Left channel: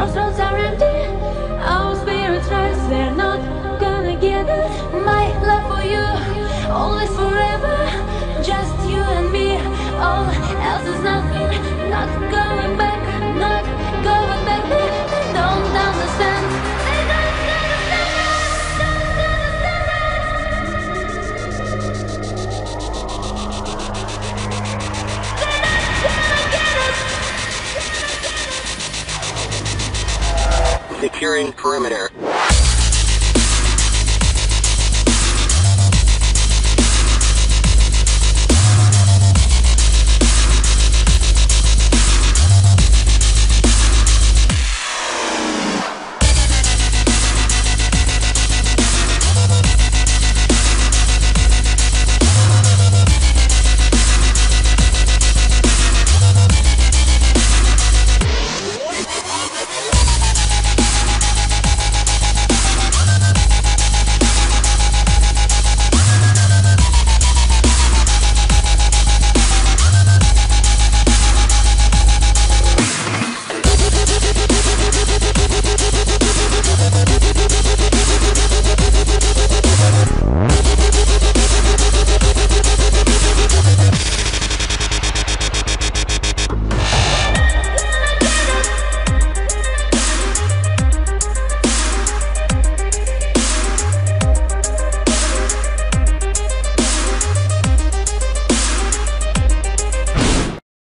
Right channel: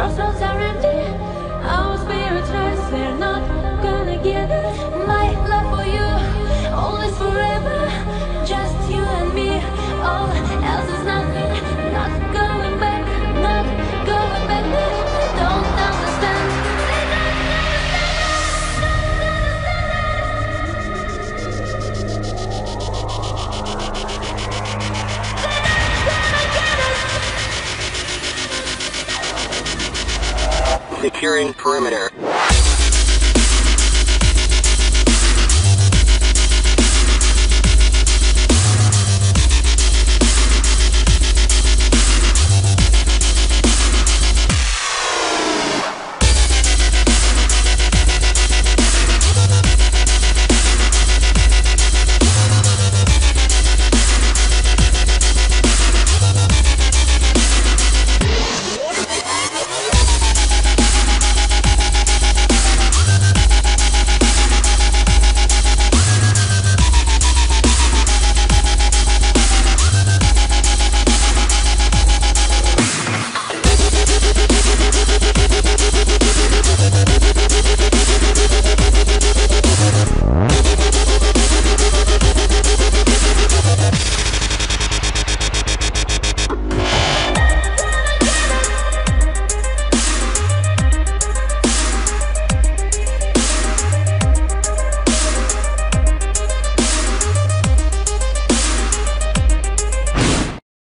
Crossroads are empty, our spirits rise. We're not gonna give it. My love for you, always forever. Just you and me, all else is nothing. Not going back, not going back. They don't understand. They Securing perimeter.